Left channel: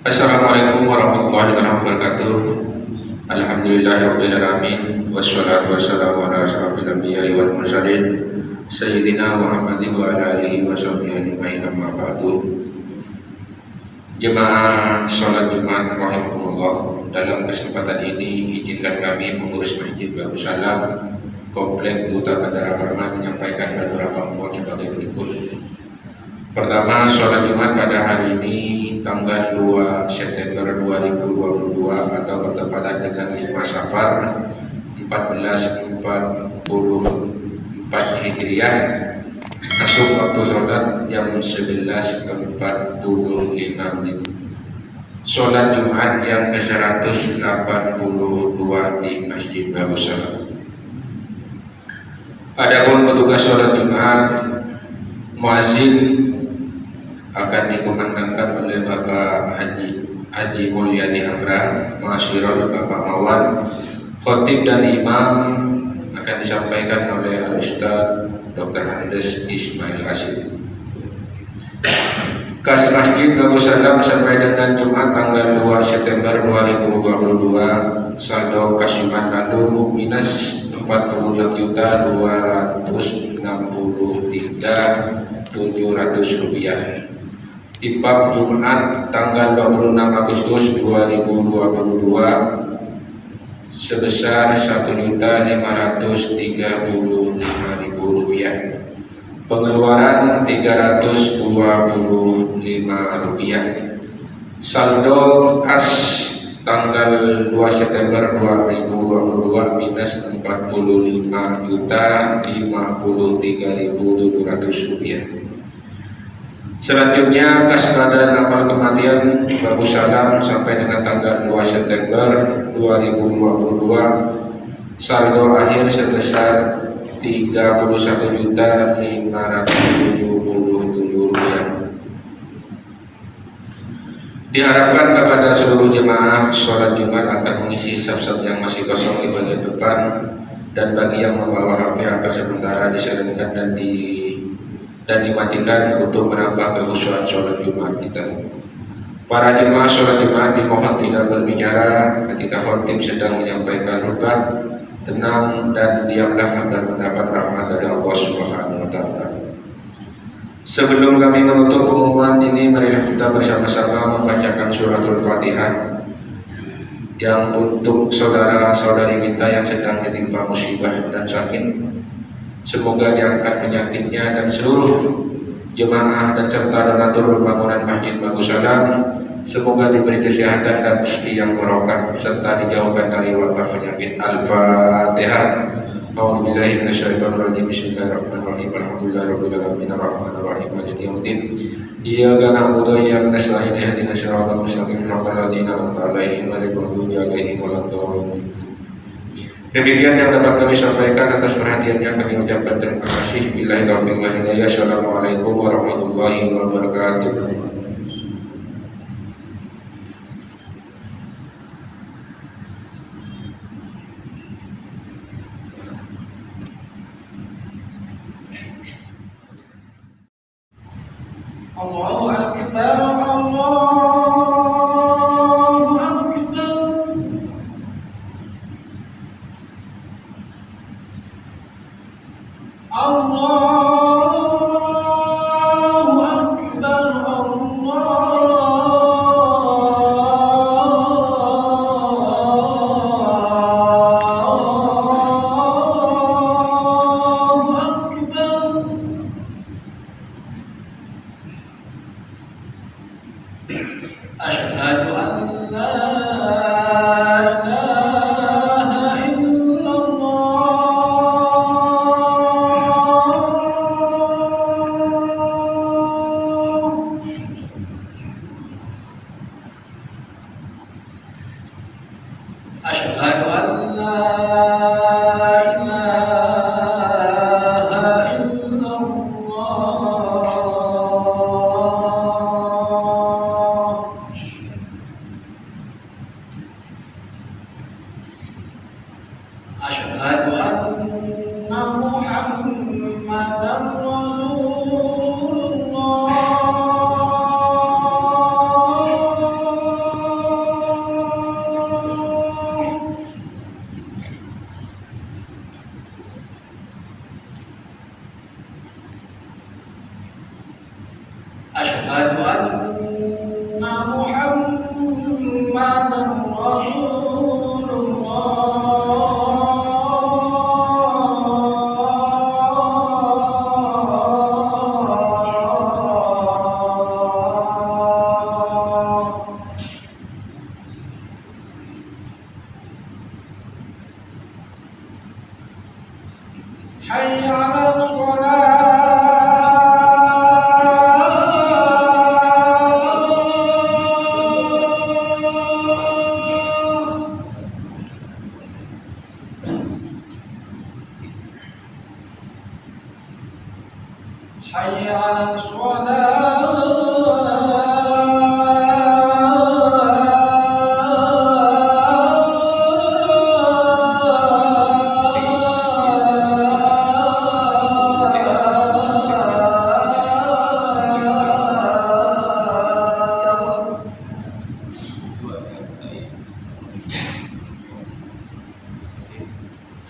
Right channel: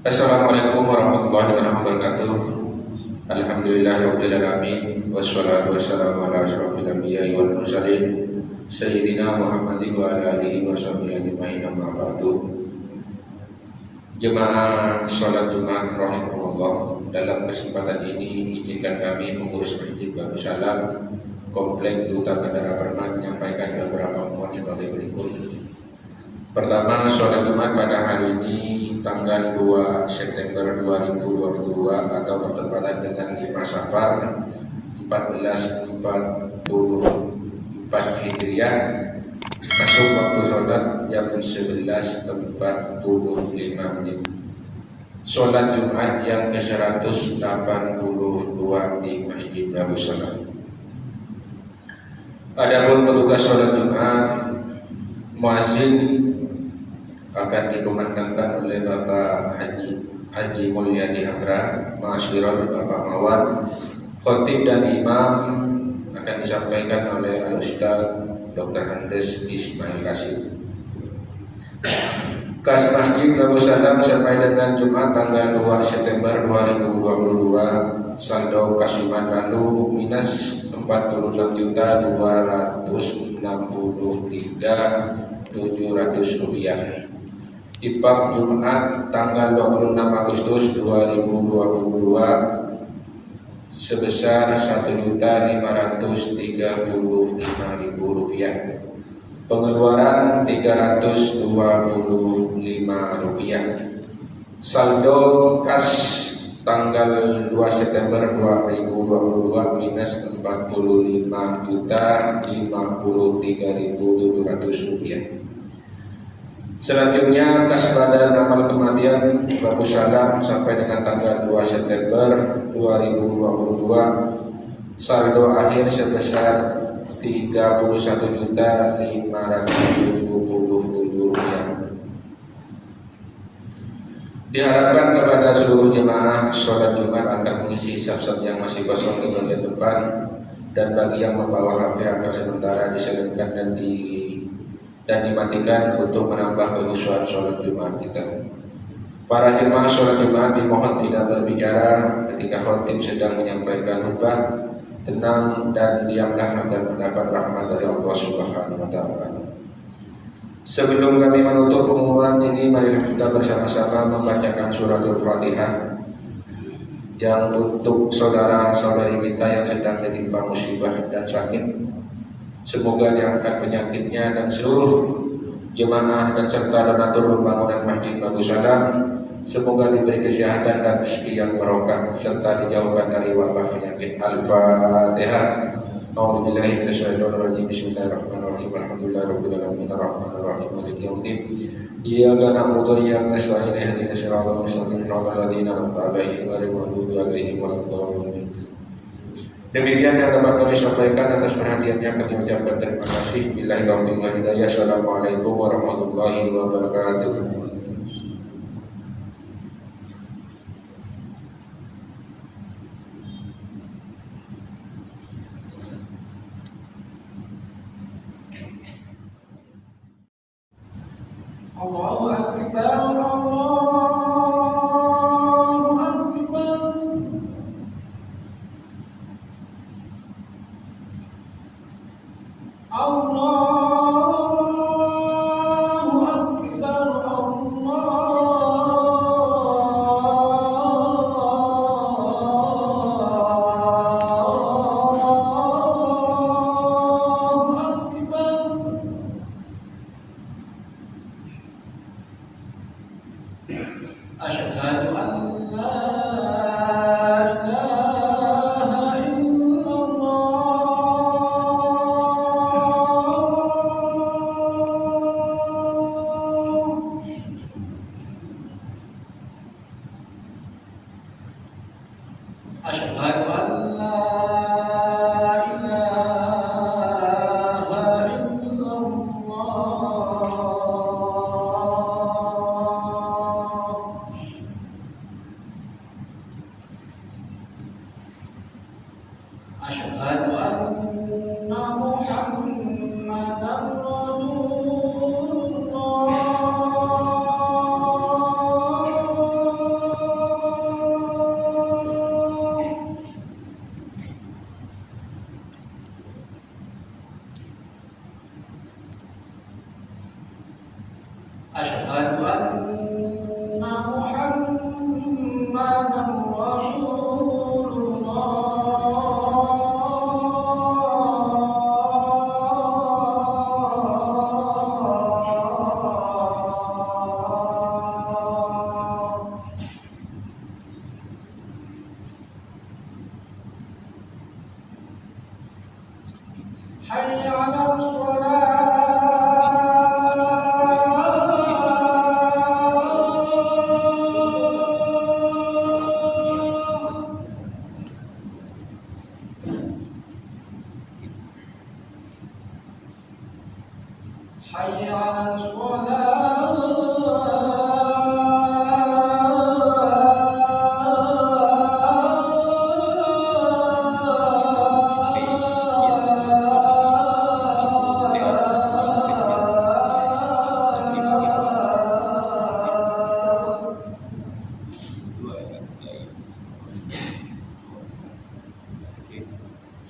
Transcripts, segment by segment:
Assalamualaikum warahmatullahi wabarakatuh. Alhamdulillahirabbil alamin wassalatu wassalamu ala asyrofil anbiya'i wal mursalin sayyidina Muhammadin wa ala alihi washabbihi ajmain, amma ba'du. Jemaah salat Jumat rahimakumullah, dalam kesempatan ini izinkan kami pengurus Masjid Babu Salam Komplek Duta Bandara Parmat menyampaikan beberapa mohon sebagai berikut. Pertama, sholat Jumat pada hari ini tanggal 2 September 2022 atau bertepatan dengan 5 Safar 1444 Hijriah masuk waktu sholat jam 11.45 menit. Sholat Jumat yang ke-182 di Masjid Babu Salam. Adapun petugas sholat Jumat, muazin akan dikumandangkan oleh Bapak Haji Mulyadi Amrah, Masyirul Bapak Mawan. Khotib dan imam akan disampaikan oleh Al-Ustaz Dr. Andes Ismail Rashid. Kas Masjid Babu Salam sampai dengan Jumat tanggal 2 September 2022, saldo kas Jumat lalu minus 46.263.700 rupiah. Ipab Jumat tanggal 26 Agustus 2022 sebesar 1.535.000 rupiah. Pengeluaran 325 rupiah. Saldo kas tanggal 2 September 2022 minus 45.053.700 rupiah. Selanjutnya kas badan amal kematian Babu Salam sampai dengan tanggal 2 September 2022 saldo akhir sebesar 31.577 rupiah. Diharapkan kepada seluruh jemaah sholat Jumat akan mengisi saf-saf yang masih kosong di bagian depan, dan bagi yang membawa HP akan sementara diseringkan dan dimatikan untuk menambah kehusuan sholat Jumat kita. Para jemaah sholat Jumat dimohon tidak berbicara ketika khotib sedang menyampaikan khutbah. Tenang dan diamlah agar mendapat rahmat dari Allah Subhanahu wa Ta'ala. Sebelum kami menutup pengumuman ini, marilah kita bersama-sama membacakan suratul Fatihah yang untuk saudara-saudari kita yang sedang ditimpa musibah dan sakit. Semoga diangkat penyakitnya, dan seluruh jemaah dan serta donatur pembangunan Masjid Babu Salam semoga diberi kesehatan dan rezeki yang barokah serta dijauhkan dari wabah penyakit. Al-Fatihah. A'udzubillahi minasyaitonirrajim. Bismillahirrahmanirrahim. Alhamdulillahirabbil alamin arrahmanir rahim maliki yaumiddin. Iyyaka na'budu wa iyyaka nasta'in ihdinas siratal mustaqim siratal ladzina an'amta 'alaihim ghairil maghdubi 'alaihim waladdallin. Demikian yang dapat kami sampaikan. Atas perhatiannya kami ucapkan terima kasih. Billahi taufiq wal hidayah. Assalamualaikum warahmatullahi wabarakatuh. Allahu Akbar, Allahu Akbar. Allahu Akbar, Allahu Akbar. Asyhadu an la ilaha illallah أشهد أن محمدًا رسول الله. حي على الصلاة. حي على الصلاة.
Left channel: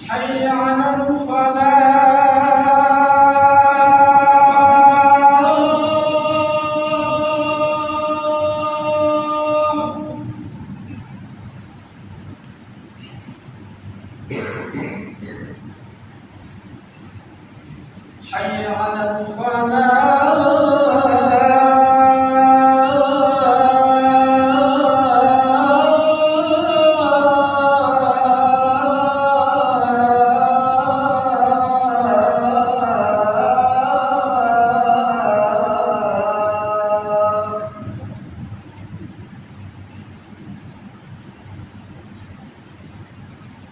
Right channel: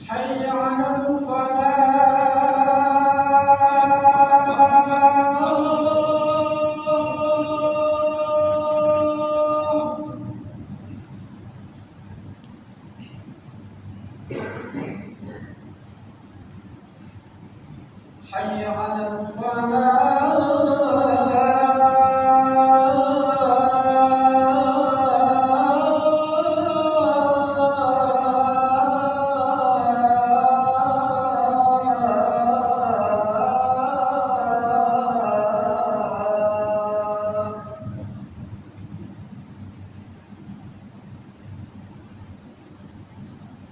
حي على الفلاح. حي على الفلاح.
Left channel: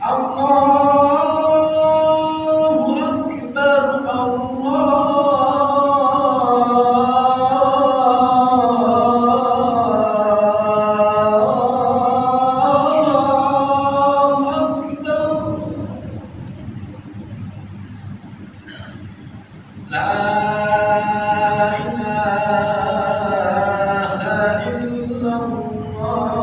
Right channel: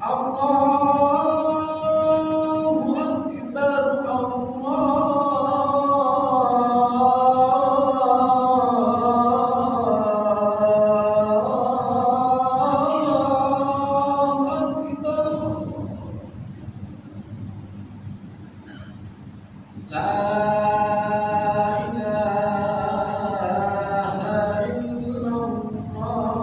الله أكبر الله أكبر. لا إله إلا الله.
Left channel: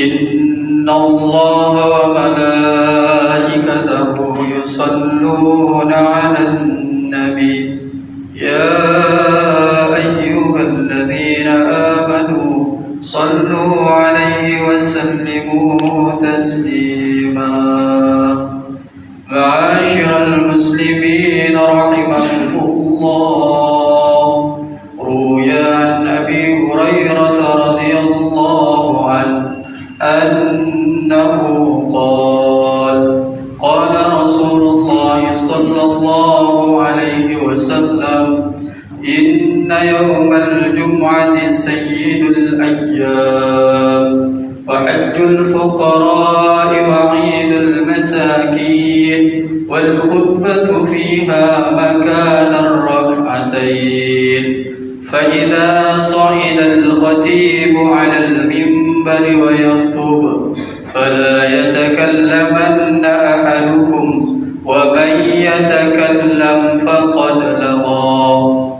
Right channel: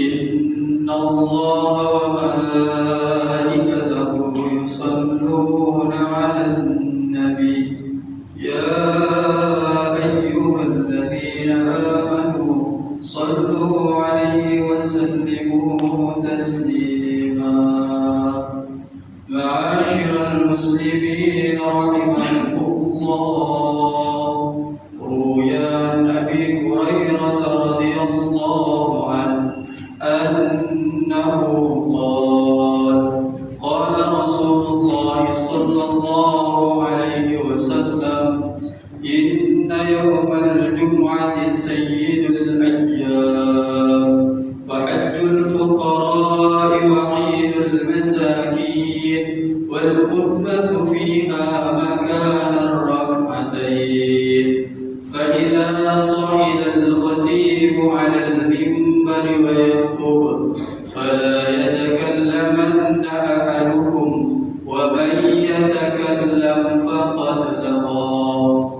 إن الله وملائكته يصلون على النبي يا أيها الذين آمنوا صلوا عليه وسلموا تسليما. معاشر المسلمين رحمكم الله، روي عن أبي هريرة رضي الله عنه أنه قال: قال رسول الله صلى الله عليه وسلم: إن يوم الجمعة سيد الأيام، وحج الفقراء وعيد المساكين، والخطبة فيها مكان الركعتين. فإذا صعد الخطيب على المنبر ويخطب فلا يتكلمن أحدكم، ومن يتكلم فقد لغى،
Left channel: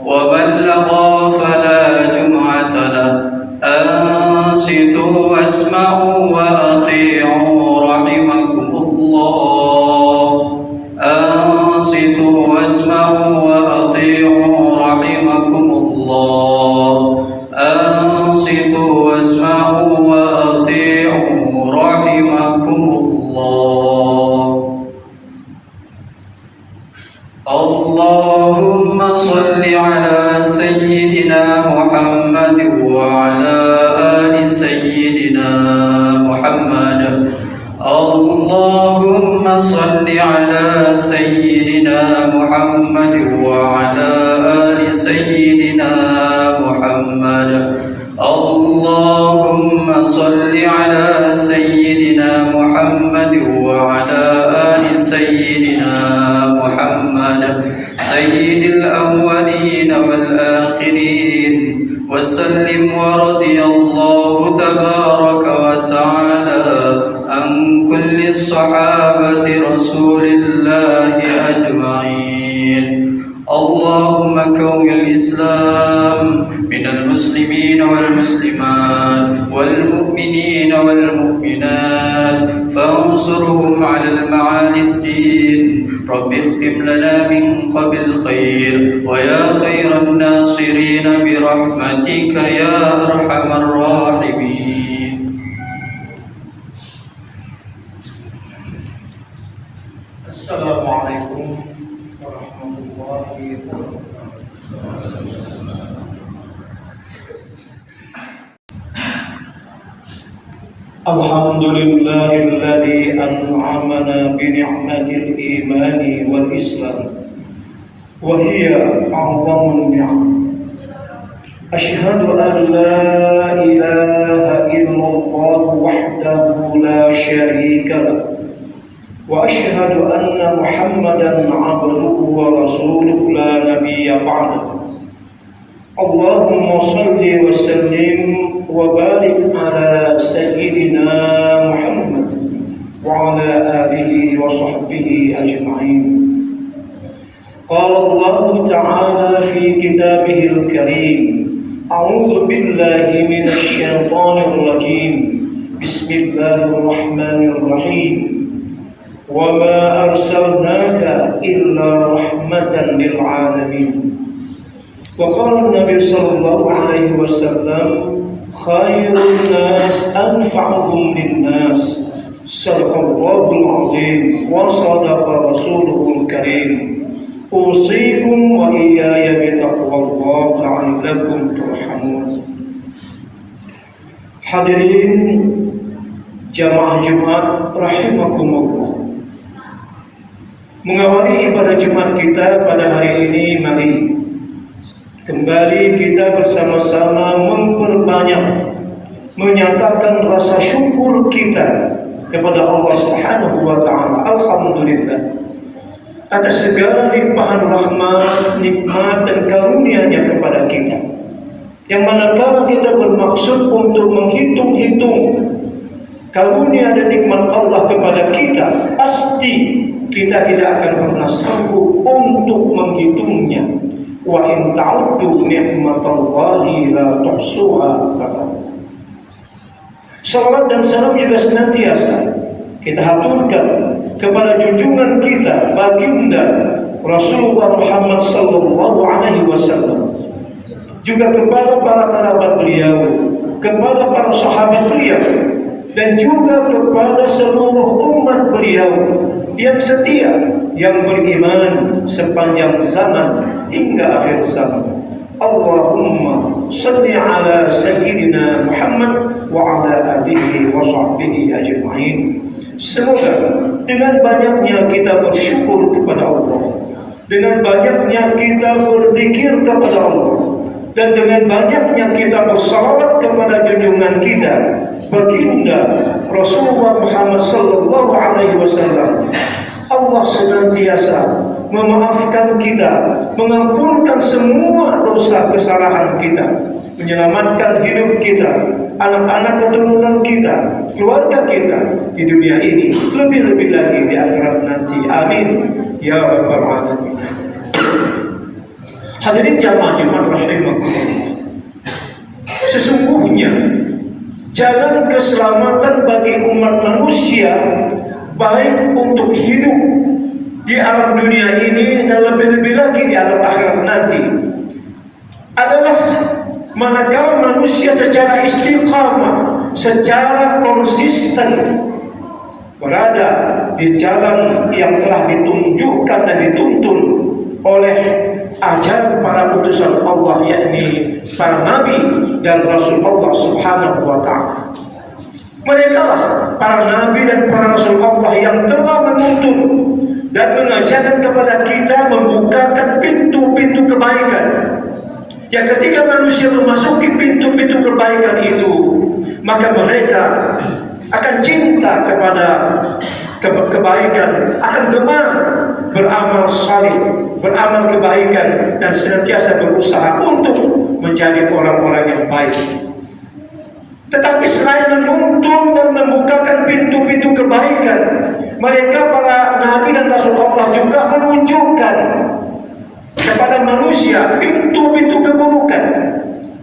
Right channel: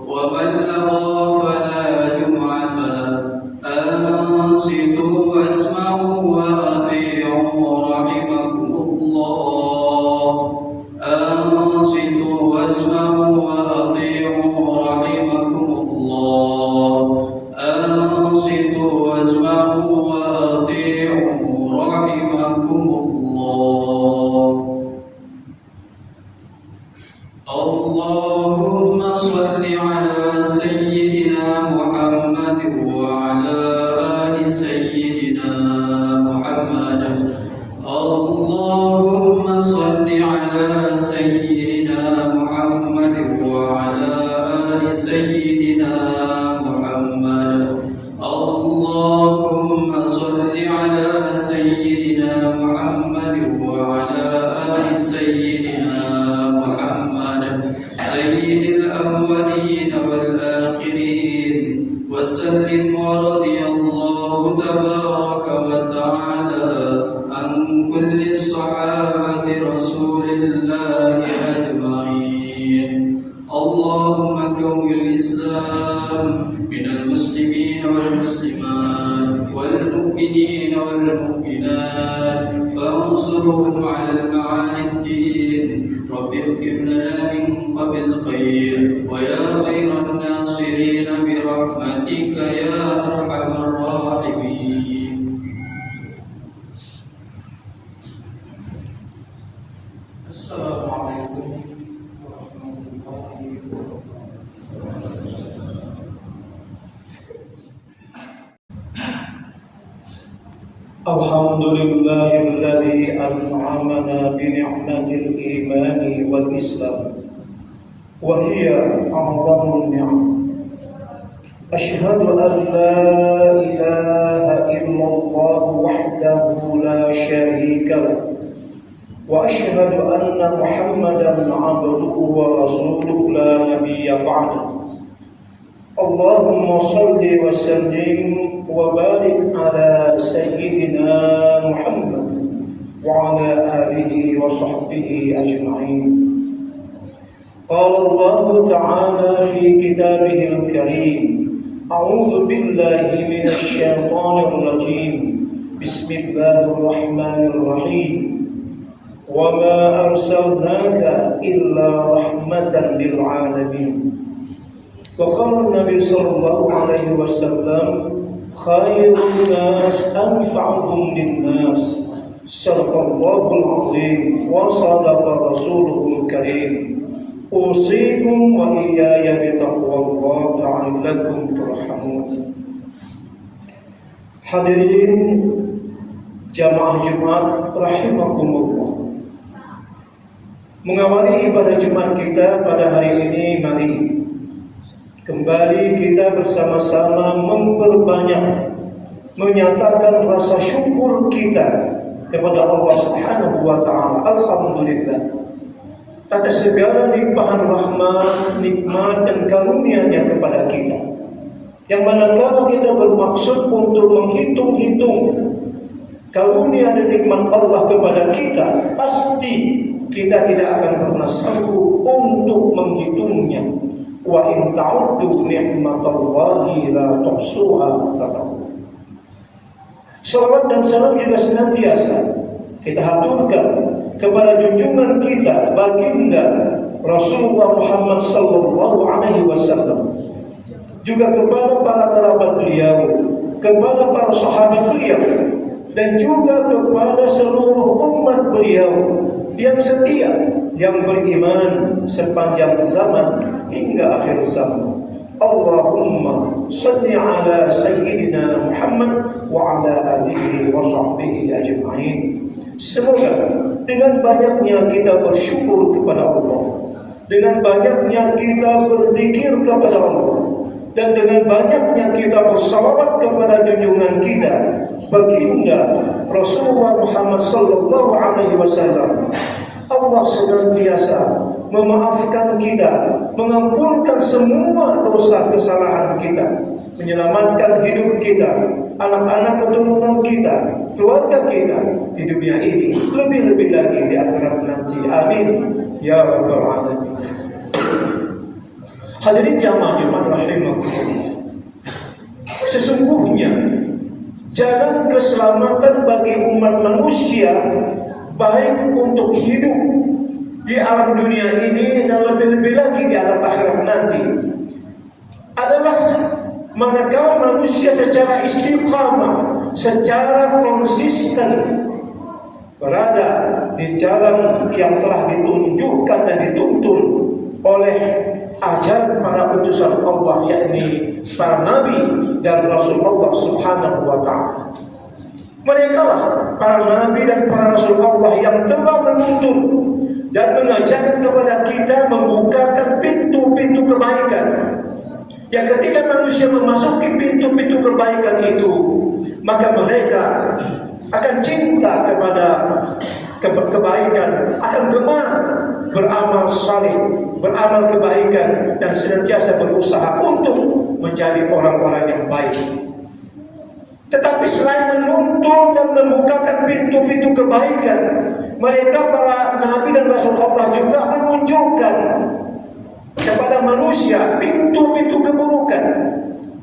ومن لغى فلا جمعة له. أنصتوا واسمعوا وأطيعوا رحمكم الله. أنصتوا واسمعوا وأطيعوا رحمكم الله. أنصتوا واسمعوا وأطيعوا رحمكم الله. اللهم صل على سيدنا محمد وعلى آل سيدنا محمد. اللهم صل على سيدنا محمد وعلى آل سيدنا محمد. اللهم صل على سيدنا محمد وعلى آل سيدنا محمد، سيد الأولين والآخرين، وسلم ورضي الله الله تبارك وتعالى عن كل الصحابة رسول الله أجمعين. اللهم كون الإسلام من المسلمين والمسلمات والمؤمنين والمؤمنات فانصرهم على المعالي الدين. رب اختم لنا من قبل خير ويا خير الناصرين برحمتك يا أرحم الراحمين. Assalamualaikum warahmatullahi wabarakatuh. الحمد لله الذي أنعمنا بنعمة الإيمان والإسلام وهي أعظم النعم. أشهد أن لا إله إلا الله وحده لا شريك له وأشهد أن محمدا عبده ورسوله لا نبي بعده. اللهم صل وسلم وبارك على سيدنا محمد وعلى آله وصحبه أجمعين. قال الله تعالى في كتابه الكريم: أعوذ بالله من الشيطان الرجيم. بسم الله الرحمن الرحيم. وما أرسلناك إلا رحمة للعالمين. وقال النبي صلى الله عليه وسلم: خير الناس أنفعهم للناس. صدق الله العظيم وصدق رسوله الكريم. أوصيكم وإياي بتقوى الله لعلكم ترحمون. Hadirin jamaah Jumat rahimakumullah. Mengawali ibadah Jumat kita pada hari ini, mari kembali kita bersama-sama memperbanyak menyatakan rasa syukur kita kepada Allah Subhanahu wa taala. Alhamdulillah atas segala limpahan rahmat, nikmat dan karunia-Nya kepada kita. Yang manakala kita bermaksud untuk menghitung-hitung karunia dan nikmat Allah kepada kita, pasti kita tidak akan pernah sanggup untuk menghitungnya. Wa in ta'uddu ni'matallahi la tuhsuha. Salawat dan salam juga senantiasa kita haturkan kepada junjungan kita baginda Rasulullah Muhammad sallallahu alaihi wasallam, juga kepada para kerabat beliau, kepada para sahabat beliau, dan juga kepada seluruh umat beliau yang setia, yang beriman sepanjang zaman hingga akhir zaman. Allahumma salli ala sayyidina Muhammad wa ala alihi wa sahbihi ajma'in. Semoga dengan banyaknya kita bersyukur kepada Allah, dengan banyaknya kita berzikir kepada Allah, dan dengan banyaknya kita bersalawat kepada junjungan kita baginda Rasulullah Muhammad sallallahu alaihi wasallam, Allah senantiasa memaafkan kita, mengampunkan semua dosa kesalahan kita, menyelamatkan hidup kita, anak-anak keturunan kita, keluarga kita di dunia ini, lebih-lebih lagi di akhirat nanti. Amin ya rabbal alamin. Hadirin jamaah Jumat rahimakumullah. Sesungguhnya jalan keselamatan bagi umat manusia, baik untuk hidup di alam dunia ini dan lebih-lebih lagi di alam akhirat nanti, adalah manakala manusia secara istiqamah, secara konsisten berada di jalan yang telah ditunjukkan dan dituntun oleh ajaran para utusan Allah, yakni para nabi dan rasul Allah Subhanahu wa ta'ala. Mereka lah para nabi dan para rasul Allah yang telah menuntun dan mengajarkan kepada kita, membukakan pintu-pintu kebaikan. Yang ketika manusia memasuki pintu-pintu kebaikan itu, maka mereka akan cinta kepada kebaikan, akan gemar beramal saleh, beramal kebaikan, dan senantiasa berusaha untuk menjadi orang-orang yang baik. Tetapi selain menuntun dan membukakan pintu-pintu kebaikan, mereka para nabi dan rasul Allah juga menunjukkan kepada manusia pintu-pintu keburukan.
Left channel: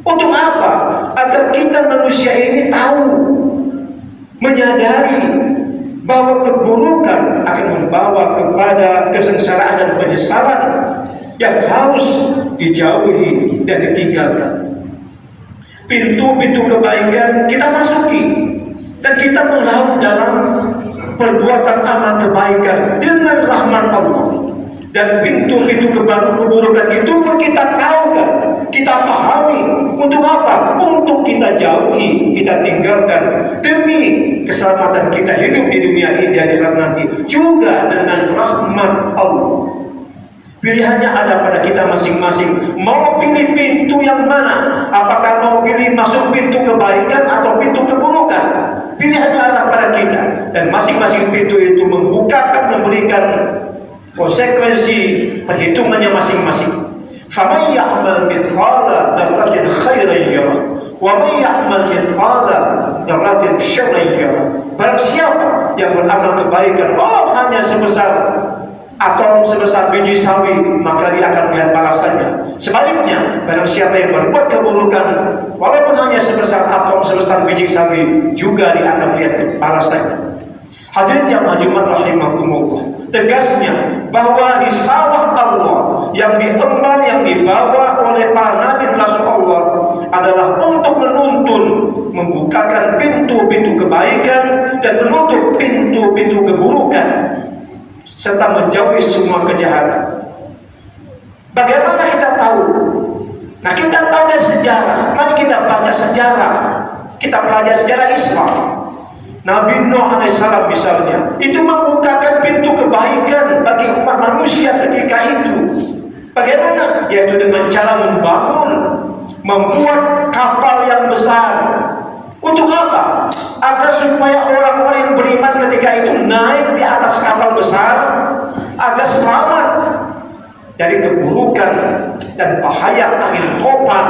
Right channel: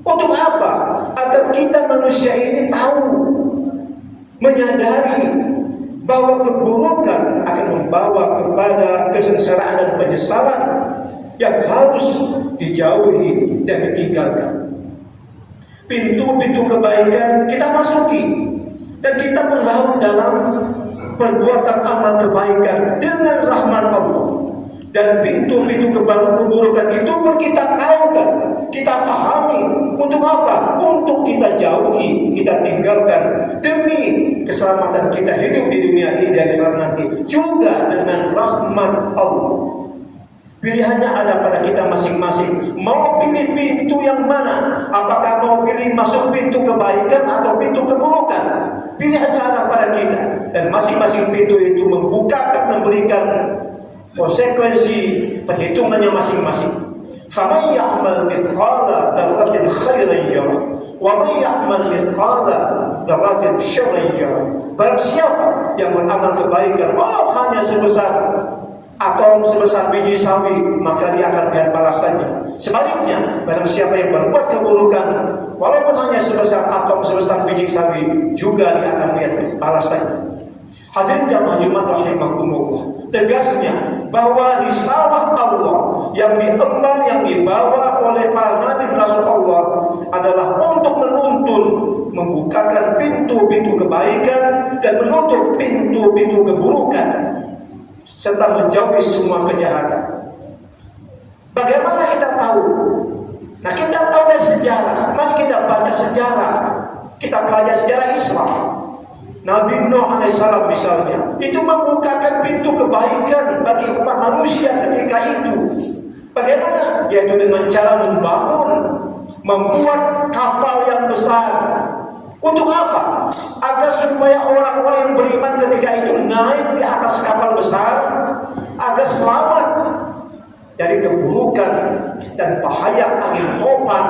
Untuk apa? Agar kita manusia ini tahu, menyadari bahwa keburukan akan membawa kepada kesengsaraan dan penyesalan yang harus dijauhi dan ditinggalkan. Pintu-pintu kebaikan kita masuki dan kita melarut dalam perbuatan amal kebaikan dengan rahmat Allah. Dan pintu-pintu keburukan itu pun kita tahu kan, kita pahami. Untuk apa? Untuk kita jauhi, kita tinggalkan demi keselamatan kita hidup di dunia ini dan akhirat nanti, juga dengan rahmat Allah. Pilihannya ada pada kita masing-masing. Mau pilih pintu yang mana? Apakah mau pilih masuk pintu kebaikan atau pintu keburukan? Pilihannya ada pada kita. Dan masing-masing pintu itu membukakan, memberikan konsekuensi perhitungannya masing-masing. فَمَنْ يَعْمَلْ مِثْقَالَ ذَرَّةٍ خَيْرًا يَرَهُ وَمَنْ يَعْمَلْ مِثْقَالَ ذَرَّةٍ شَرًّا يَرَهُ. Barang siapa yang beramal kebaikan walau hanya sebesar atom, sebesar biji sawi, maka dia akan melihat balasannya. Sebaliknya, barang siapa yang berbuat keburukan walaupun hanya sebesar atom, sebesar biji sawi, juga dia akan melihat balasannya. Hadirin jamaah Jumat rahimakumullah, tegasnya bahwa risalah Allah yang diemban, yang dibawa oleh para nabi rasul Allah adalah untuk menuntun, membukakan pintu-pintu kebaikan dan menutup pintu-pintu keburukan serta menjauhi semua kejahatan. Bagaimana kita tahu? Nah, kita tahu dari sejarah. Mari kita baca sejarah. Kita belajar sejarah Islam. Nabi Nuh alaihissalam misalnya, itu membukakan pintu kebaikan bagi umat manusia ketika itu. Bagaimana? Yaitu dengan cara membuat kapal yang besar. Untuk apa? Agar supaya orang-orang yang beriman ketika itu naik di atas kapal besar, agar selamat dari keburukan dan bahaya angin topan,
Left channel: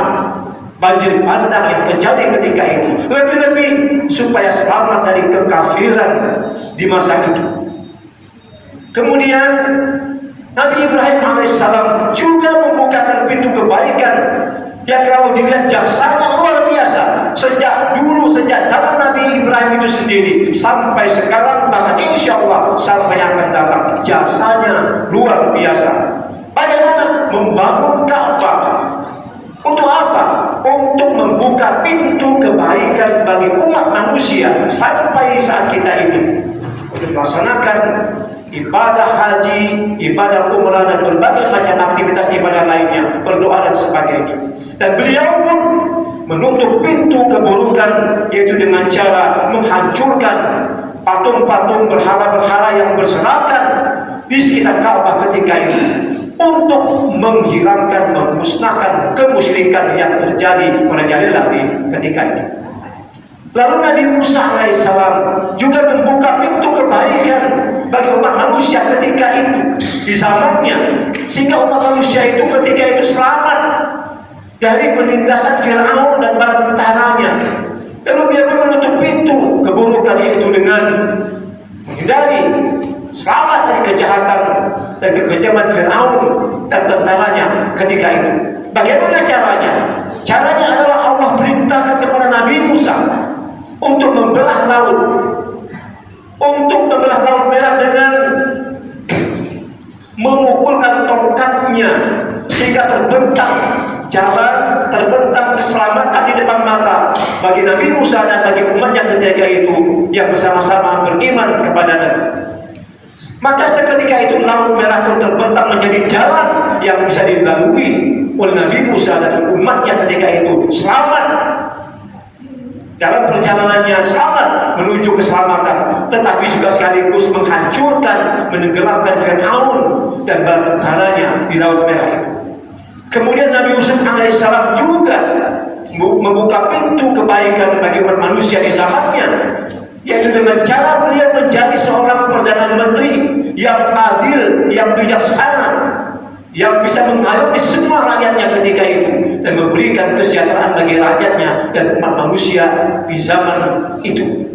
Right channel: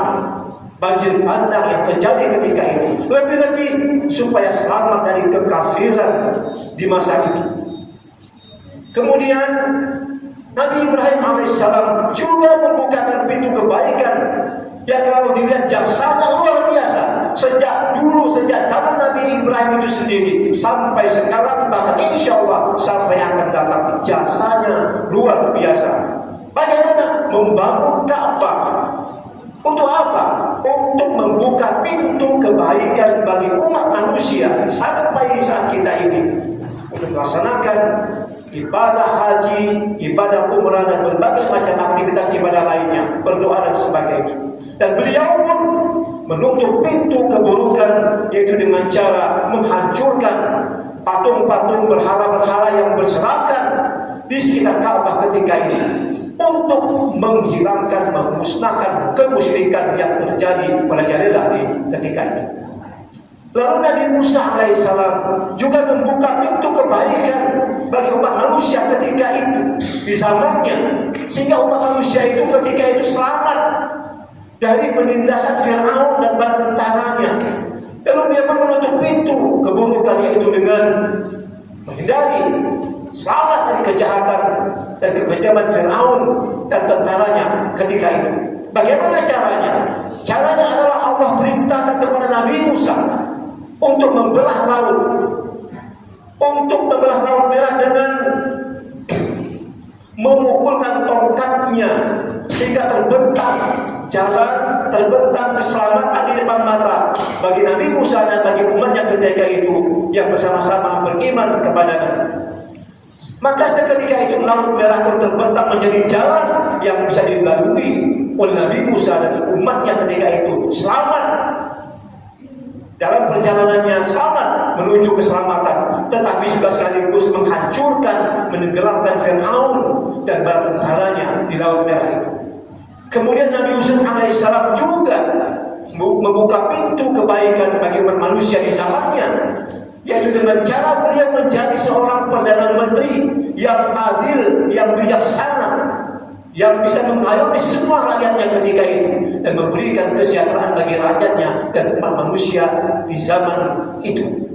banjir bandang yang terjadi ketika itu. Lebih-lebih supaya selamat dari kekafiran di masa itu. Kemudian Nabi Ibrahim alaihissalam juga membukakan pintu kebaikan yang kalau dilihat jasanya luar biasa. Sejak dulu, sejak zaman Nabi Ibrahim itu sendiri sampai sekarang, bahkan insya Allah sampai akan datang, jasanya luar biasa. Bagaimana? Membangun Ka'bah. Untuk apa? Untuk membuka pintu kebaikan bagi umat manusia sampai saat kita ini melaksanakan ibadah haji, ibadah umrah dan berbagai macam aktivitas ibadah lainnya, berdoa dan sebagainya. Dan beliau pun menutup pintu keburukan, yaitu dengan cara menghancurkan patung-patung berhala-berhala yang berserakan di sekitar Ka'bah ketika itu, untuk menghilangkan, memusnahkan kemusyrikan yang terjadi merajalela di ketika itu. Lalu Nabi Musa alaihissalam juga membuka pintu kebaikan bagi umat manusia ketika itu di zamannya, sehingga umat manusia itu ketika itu selamat dari penindasan Fir'aun dan para tentaranya. Lalu dia pun menutup pintu keburukan, yaitu dengan menghindari, selamat dari kejahatan dan kekejaman Fir'aun dan tentaranya ketika itu. Bagaimana caranya? Caranya adalah Allah perintahkan kepada Nabi Musa untuk membelah laut, merah dengan memukulkan tongkatnya sehingga terbentang jalan, terbentang keselamatan di depan mata bagi Nabi Musa dan bagi umatnya ketika itu yang bersama-sama beriman kepadanya. Maka seketika itu laut merah pun terbentang menjadi jalan yang bisa dilalui oleh Nabi Musa dan umatnya ketika itu, selamat dalam perjalanannya, selamat menuju keselamatan, tetapi juga sekaligus menghancurkan, menenggelamkan Fir'aun dan bala tentaranya di laut merah itu. Kemudian Nabi Yusuf alaihissalam juga membuka pintu kebaikan bagi manusia di zamannya, yaitu dengan cara beliau menjadi seorang perdana menteri yang adil, yang bijaksana, yang bisa mengayomi semua rakyatnya ketika itu. dan memberikan kesejahteraan bagi rakyatnya dan umat manusia di zaman itu.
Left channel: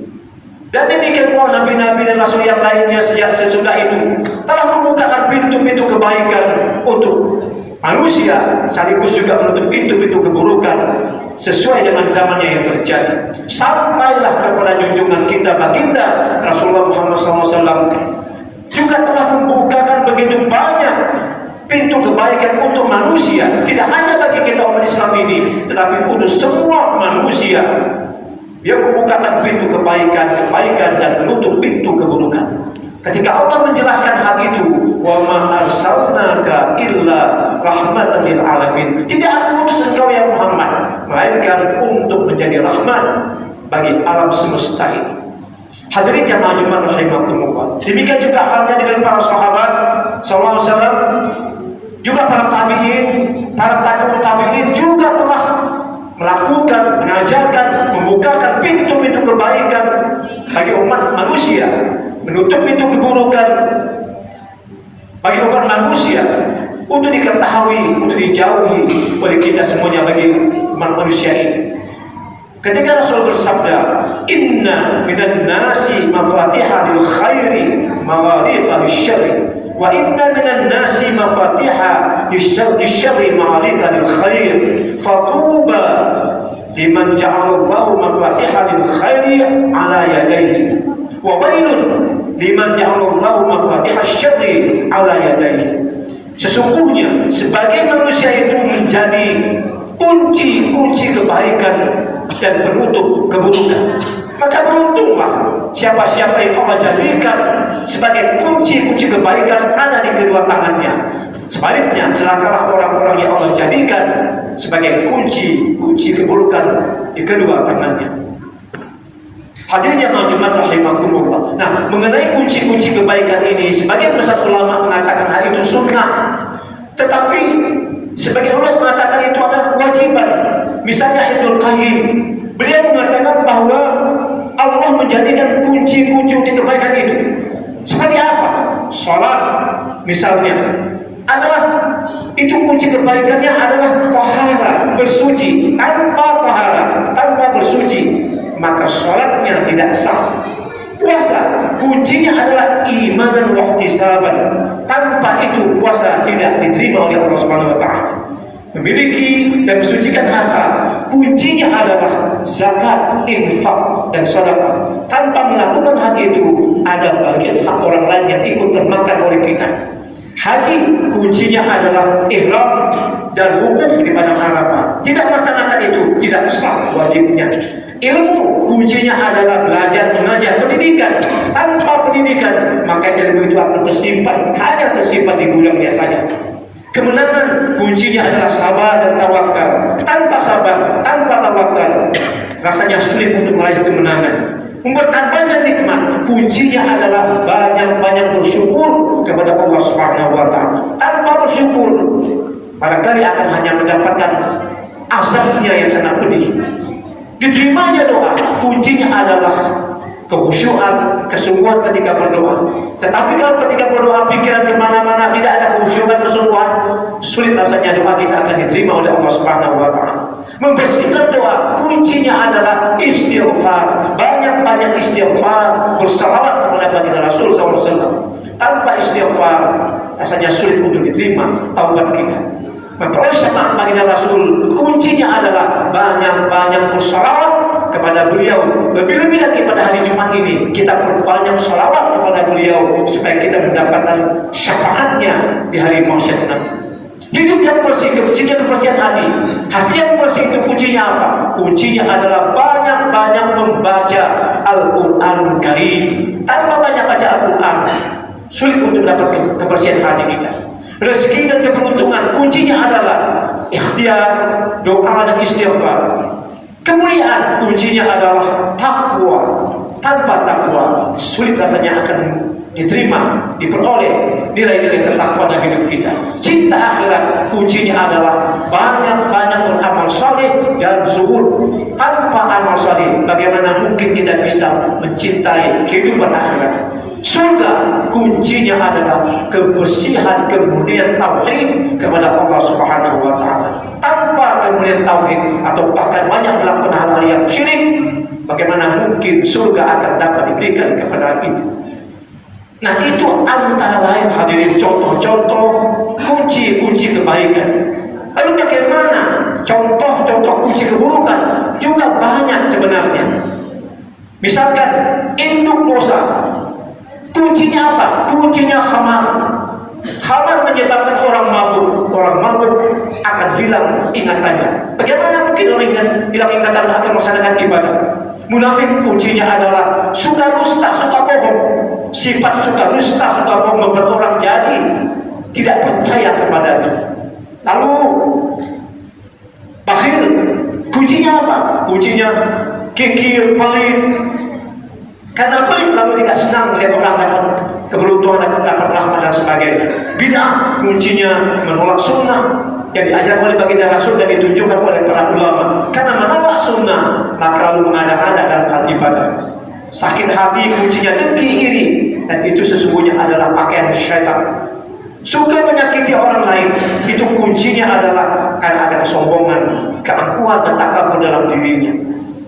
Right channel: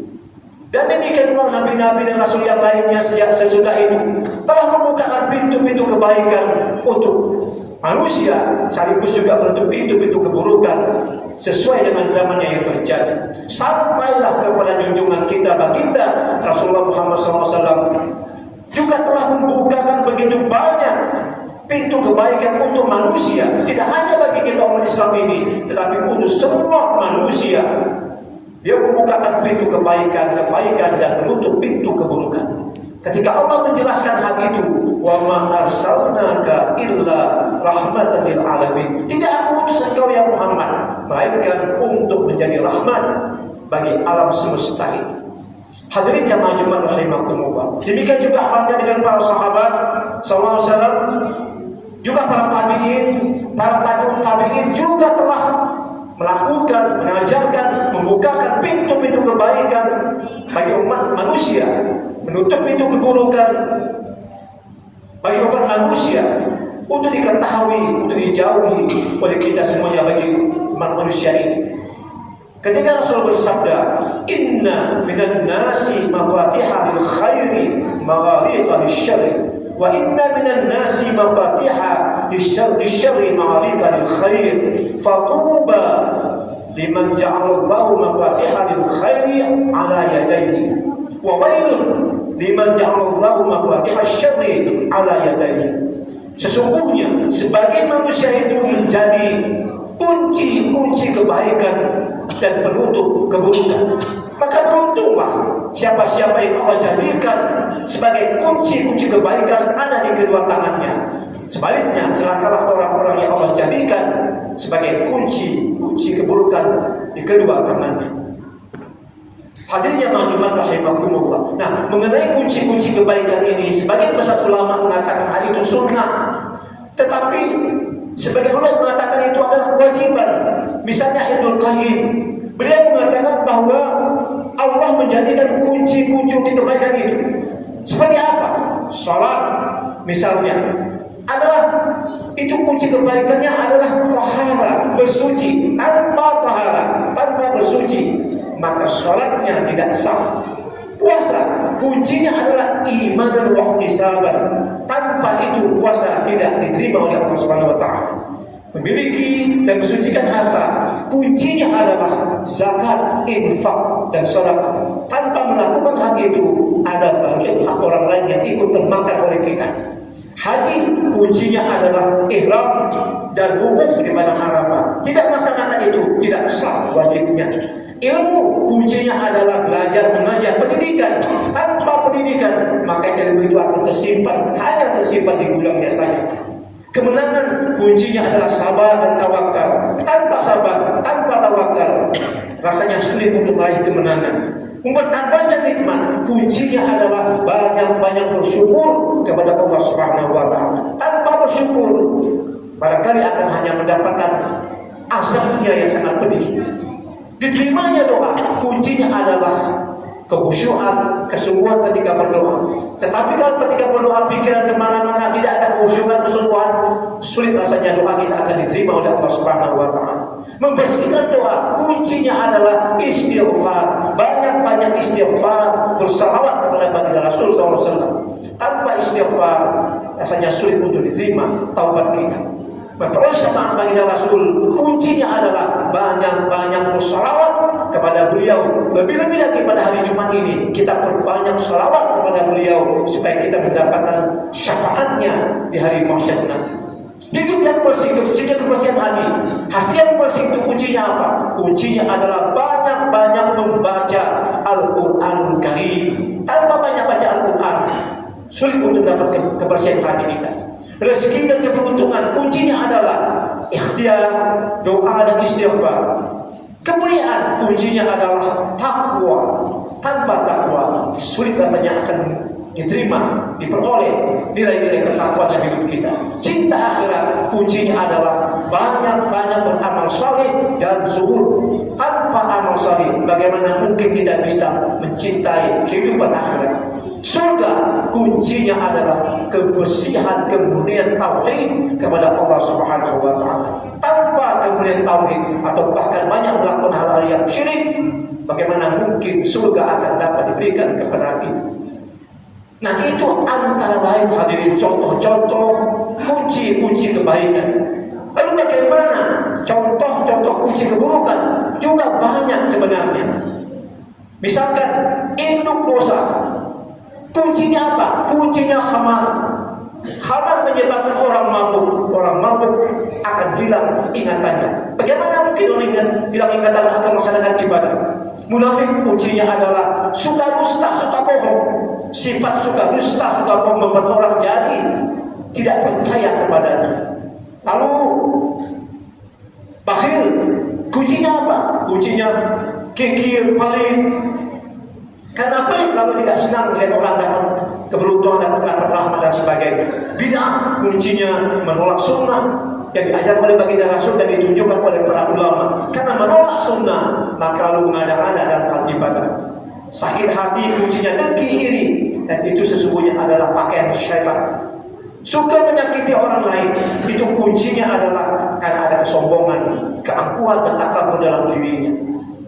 Dan demikian pula nabi-nabi dan rasul yang lainnya sejak sesudah itu telah membukakan pintu-pintu kebaikan untuk manusia, sekaligus juga menutup pintu-pintu keburukan sesuai dengan zamannya yang terjadi. Sampailah kepada junjungan kita baginda Rasulullah Muhammad SAW juga telah membukakan begitu banyak pintu kebaikan untuk manusia, tidak hanya bagi kita umat Islam ini, tetapi untuk semua manusia. Dia membukakan pintu kebaikan dan menutup pintu keburukan. Ketika Allah menjelaskan hal itu, wa ma arsalnaka illa rahmatan lil alamin. Tidak aku utus engkau ya Muhammad, melainkan untuk menjadi rahmat bagi alam semesta ini. Hadirin jamaah Jumat rahimakumullah. Demikian juga halnya dengan para sahabat sallallahu alaihi wasallam, juga para tabi'in, para tabi'ut tabi'in juga telah melakukan, mengajarkan, membukakan pintu-pintu kebaikan bagi umat manusia, menutup pintu keburukan bagi umat manusia untuk diketahui, untuk dijauhi oleh kita semuanya bagi umat manusia ini. Ketika Rasul bersabda, "Inna minan nasi mafatihah lil khairi maghaliqa lisyarri, wa inna minan nasi mafatihah lisyarri maghaliqa lil khair, fatuba liman ja'alallahu mafatihah lil khairi ala yadayhi, wa wailun liman ja'alallahu mafatihah syarri ala yadayhi." Sesungguhnya sebagai manusia itu menjadi kunci-kunci kebaikan dan penutup keburukan, maka beruntunglah siapa-siapa yang Allah jadikan sebagai kunci-kunci kebaikan ada di kedua tangannya. Sebaliknya, celakalah orang-orang yang Allah jadikan sebagai kunci-kunci keburukan di kedua tangannya. Hadirin jamaah Jumat rahimakumullah. Nah, mengenai kunci-kunci kebaikan ini, sebagian besar ulama mengatakan hal itu sunnah, tetapi sebagian ulama mengatakan itu adalah kewajiban. Misalnya Ibnu Qayyim, beliau mengatakan bahwa Allah menjadikan kunci-kunci kebaikan itu. Seperti apa? Salat misalnya adalah itu kunci kebaikannya adalah tahara, bersuci. Tanpa tahara, tanpa bersuci, maka salatnya tidak sah. Puasa kuncinya adalah iman dan ihtisaban. Tanpa itu puasa tidak diterima oleh Allah Subhanahu wa taala. Memiliki dan mensucikan harta kuncinya adalah zakat, infak, dan sedekah. Tanpa melakukan hal itu, ada bagian hak orang lain yang ikut termakan oleh kita. Haji kuncinya adalah ihram dan wukuf di padang Arafah. Tidak melaksanakan itu tidak sah wajibnya. Ilmu kuncinya adalah belajar, mengajar, pendidikan. Tanpa pendidikan, maka ilmu itu akan tersimpan, hanya tersimpan di gudangnya saja. Kemenangan kuncinya adalah sabar dan tawakal. Tanpa sabar, tanpa tawakal, rasanya sulit untuk meraih kemenangan. Membuat banyak nikmat, kuncinya adalah banyak-banyak bersyukur kepada Allah Subhanahu wa taala. Tanpa bersyukur, barangkali akan hanya mendapatkan azabnya yang sangat pedih. Diterimanya doa, kuncinya adalah kekhusyuan, kesungguhan ketika berdoa. Tetapi kalau ketika berdoa pikiran kemana-mana, tidak ada kekhusyuan, kesungguhan, sulit rasanya doa kita akan diterima oleh Allah Subhanahu wa taala. Membersihkan doa kuncinya adalah istighfar. Banyak-banyak istighfar, bersalawat kepada baginda Rasul SAW. Tanpa istighfar rasanya sulit untuk diterima taubat kita. Memperoleh syafaat baginda Rasul kuncinya adalah banyak-banyak bersalawat kepada beliau. Lebih-lebih lagi pada hari Jumat ini kita perbanyak salawat kepada beliau supaya kita mendapatkan syafaatnya di hari mahsyar nanti. Hidup yang bersih, kebersihan hati. Hati yang bersih itu kuncinya apa? Kuncinya adalah banyak-banyak membaca Al-Quran Karim. Tanpa banyak baca Al-Quran, sulit untuk mendapatkan kebersihan hati kita. Rezeki dan keberuntungan kuncinya adalah ikhtiar, doa dan istighfar. Kemuliaan kuncinya adalah takwa. Tanpa takwa, sulit rasanya akan diterima, diperoleh nilai-nilai ketakwaan dalam hidup kita. Cinta akhirat kuncinya adalah banyak-banyak beramal saleh dan zuhud. Tanpa amal saleh, bagaimana mungkin kita bisa mencintai kehidupan akhirat? Surga kuncinya adalah kebersihan, kemurnian tauhid kepada Allah Subhanahu wa taala. Tanpa kemurnian tauhid atau bahkan banyak melakukan hal-hal yang syirik, bagaimana mungkin surga akan dapat diberikan kepada kita? Nah, itu antara lain hadirin contoh-contoh kunci-kunci kebaikan. Lalu bagaimana contoh-contoh kunci keburukan? Juga banyak sebenarnya. Misalkan induk dosa. Kuncinya apa? Kuncinya khamar. Khamar menyebabkan orang mabuk. Orang mabuk akan hilang ingatannya. Bagaimana mungkin orang hilang ingatan akan melaksanakan ibadah? Munafik kuncinya adalah suka dusta, suka bohong. Sifat suka dusta, suka bohong membuat orang jadi tidak percaya kepadanya. Lalu bakhil, kuncinya apa? Kuncinya kikir, pelit. Karena pelit lalu tidak senang melihat orang dapat keberuntungan, dapat rahmat dan sebagainya. Bid'ah kuncinya menolak sunnah yang diajarkan oleh baginda Rasul dan ditunjukkan oleh para ulama. Karena menolak sunnah maka lalu mengada-ada dalam hal ibadah. Sakit hati kuncinya dengki, iri, dan itu sesungguhnya adalah pakaian syaitan. Suka menyakiti orang lain, itu kuncinya adalah karena ada kesombongan, keangkuhan dan takabur dalam dirinya,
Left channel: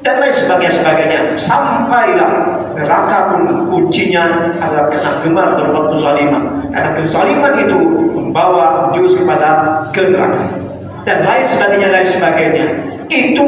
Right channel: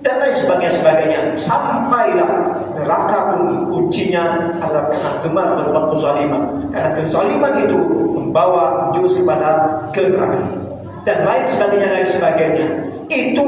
dan lain sebagainya. Sampailah neraka pun kuncinya adalah karena gemar berbuat kezaliman, karena kezaliman itu membawa jurus kepada neraka, dan lain sebagainya. Itu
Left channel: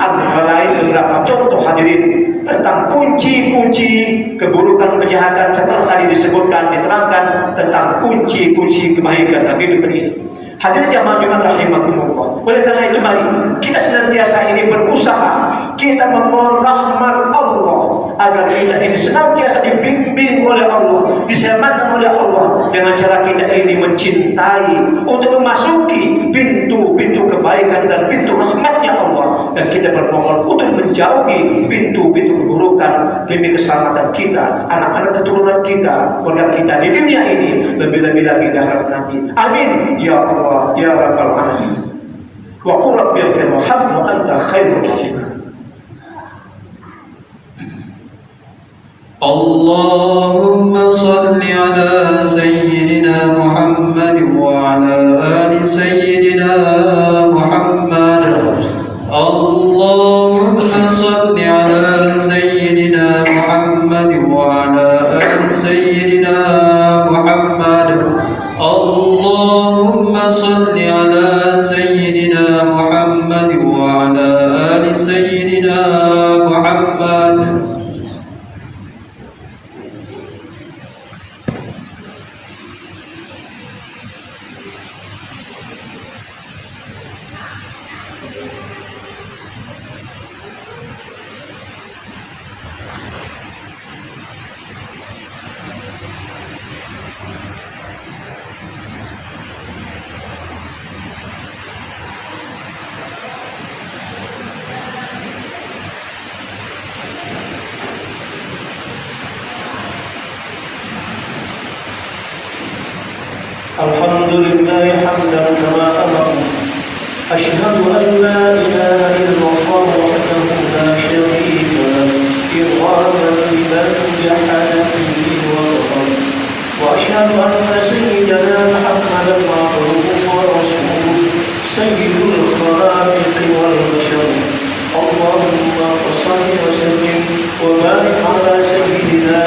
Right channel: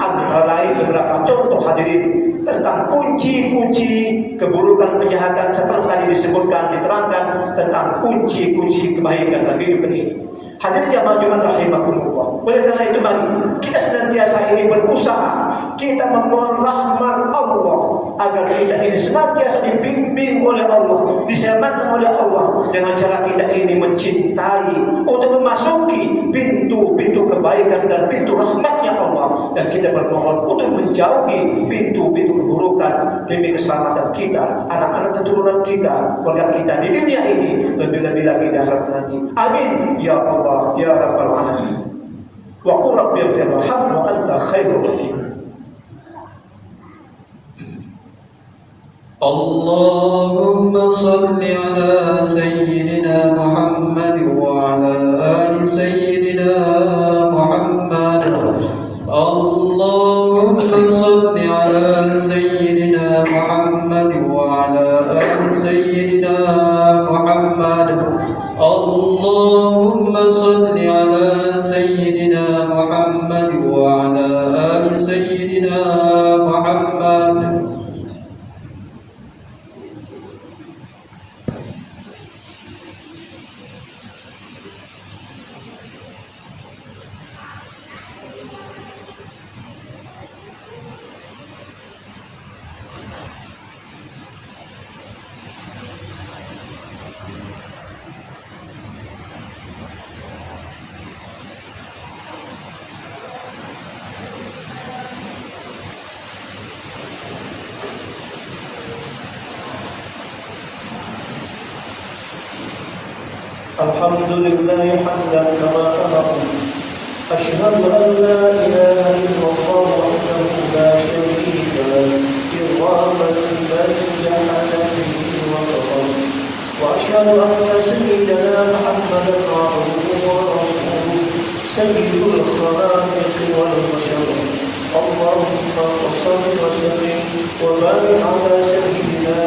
antara lain beberapa contoh hadirin tentang kunci-kunci keburukan, kejahatan setelah tadi disebutkan, diterangkan tentang kunci-kunci kebaikan dalam hidup ini. Hadirin jamaah Jumat rahimakumullah. Oleh karena itu mari kita senantiasa ini berusaha kita memohon rahmat Allah agar kita ini senantiasa dibimbing oleh Allah, diselamatkan oleh Allah dengan cara kita ini mencintai untuk memasuki pintu-pintu kebaikan dan pintu rahmatnya Allah, dan kita bermohon untuk menjauhi pintu-pintu keburukan demi keselamatan kita, anak-anak keturunan kita, keluarga kita di dunia ini, lebih-lebih lagi di akhirat nanti. Amin ya Allah ya rabbal alamin. Wa qul rabbi ighfir warhamni wa anta khairur rahimin. اللهم صل على سيدنا محمد وعلى آل سيدنا محمد. اللهم صل على سيدنا محمد وعلى آل سيدنا محمد. اللهم صل على سيدنا محمد وعلى آل سيدنا محمد. الحمد لله حمدا كما أمر. أشهد أن لا إله إلا الله وحده لا شريك له إرغاما لمن جحد به وكفر. وأشهد أن سيدنا محمدا عبده ورسوله سيد الخلائق والبشر. اللهم صل وسلم وبارك على سيدنا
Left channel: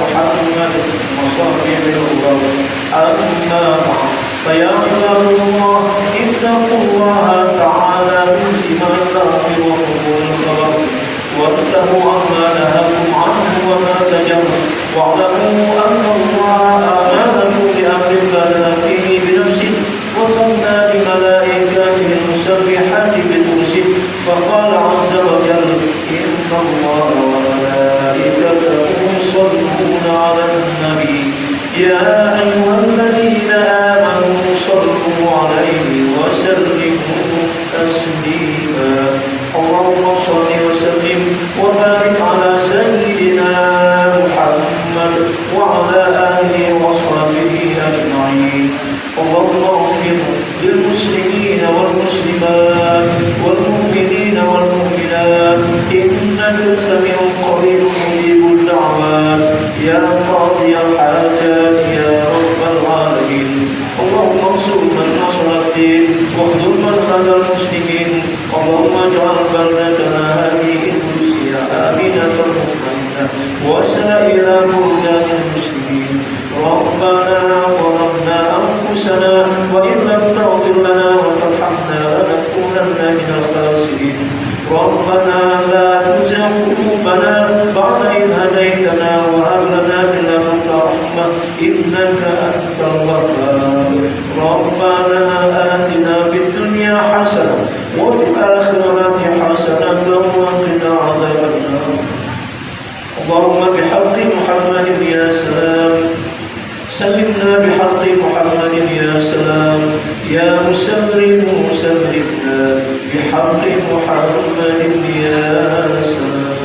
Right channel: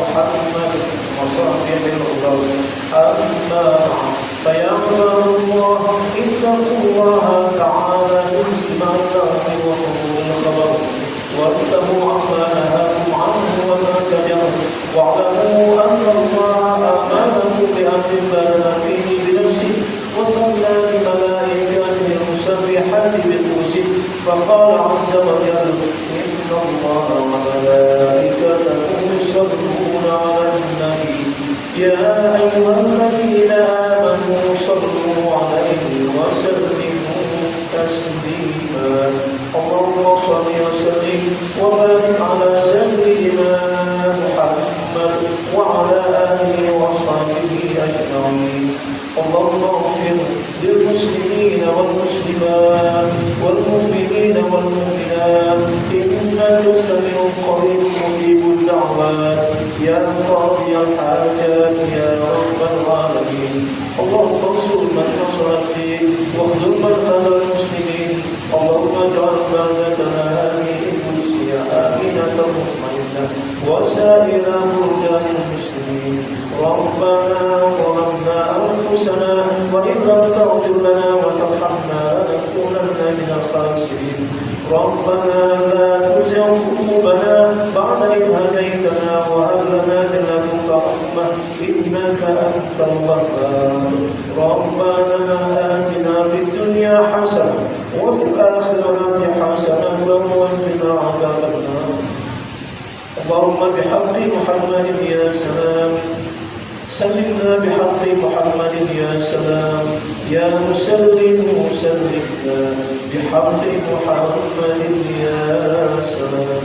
محمد وصحبه الغر. أما بعد فيا عباد الله اتقوا الله تعالى من سماع الأمر وقبول الخبر، واتقوا عما نهاكم عنه وما زجر، واعلموا أن الله آمنكم بأمر بدا فيه بنفسه وثنى بملائكته المسبحات بقدسه، فقال عز وجل إن الله وملائكته يصلون على النبي يا أيها الذين آمنوا صلوا عليه وسلموا تسليما. اللهم صل وسلم وبارك على سيدنا محمد وعلى آله وصحبه أجمعين. اللهم اغفر للمسلمين والمسلمات والمؤمنين والمؤمنات إنك سميع قريب مجيب الدعوات يا قاضي هديتنا وهب لنا من لدنك رحمة إنك أنت الوهاب. ربنا آتنا في الدنيا حسنة وفي الآخرة حسنة وقنا عذاب النار. اللهم بحق محمد يا سلام سلمنا بحق محمد يا سلام يا مسلم سلمنا بحق محمد يا سلام.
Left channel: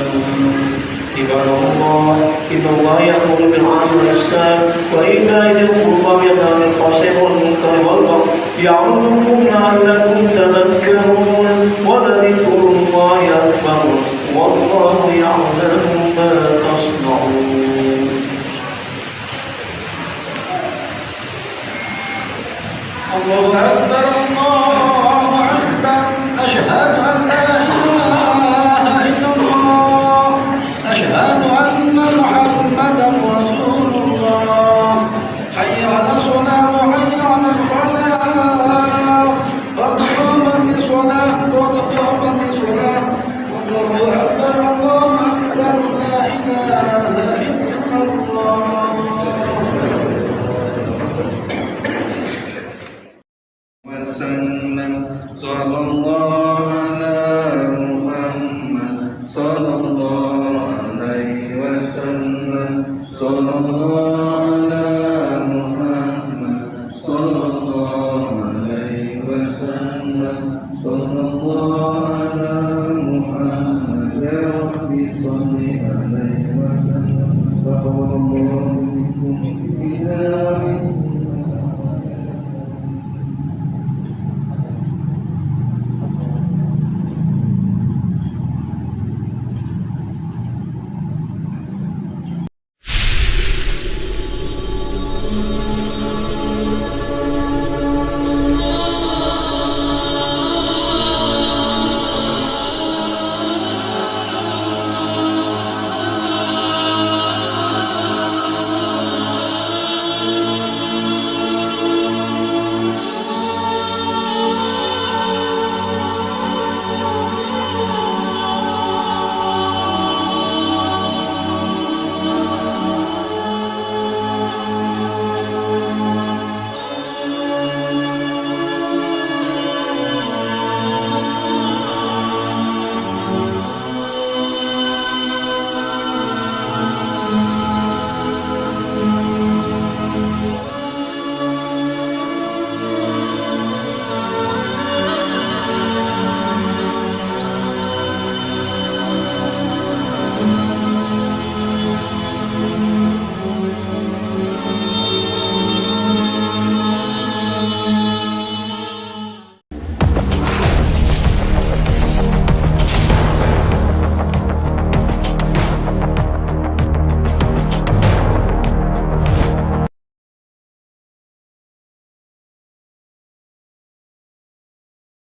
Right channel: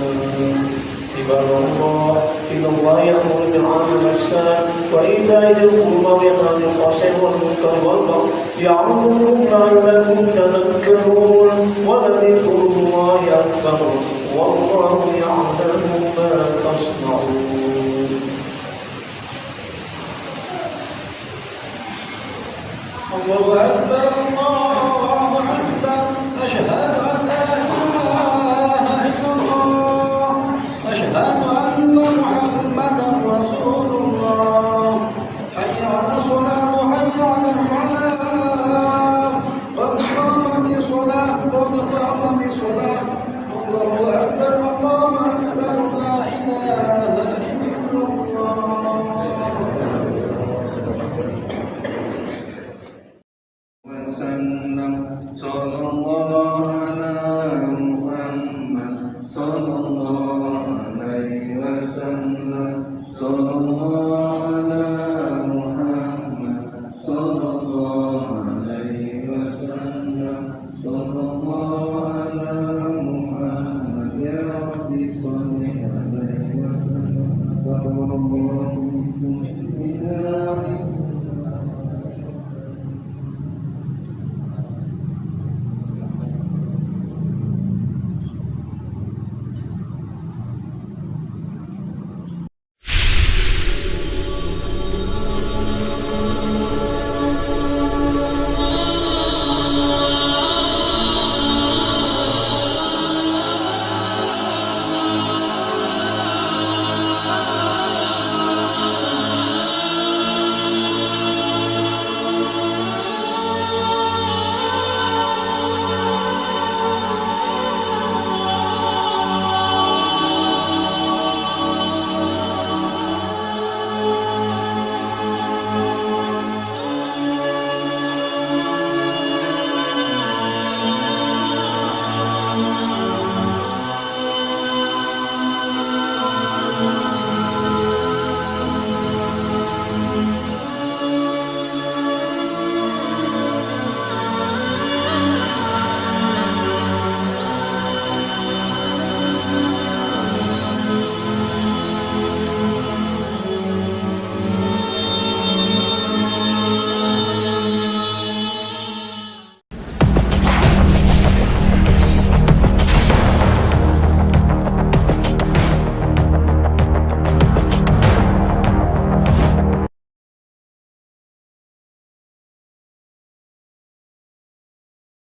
عباد الله إن الله يأمر بالعدل والإحسان وإيتاء ذي القربى وينهى عن الفحشاء والمنكر والبغي يعظكم لعلكم تذكرون ولذكر الله أكبر والله يعلم ما تصنعون. الله أكبر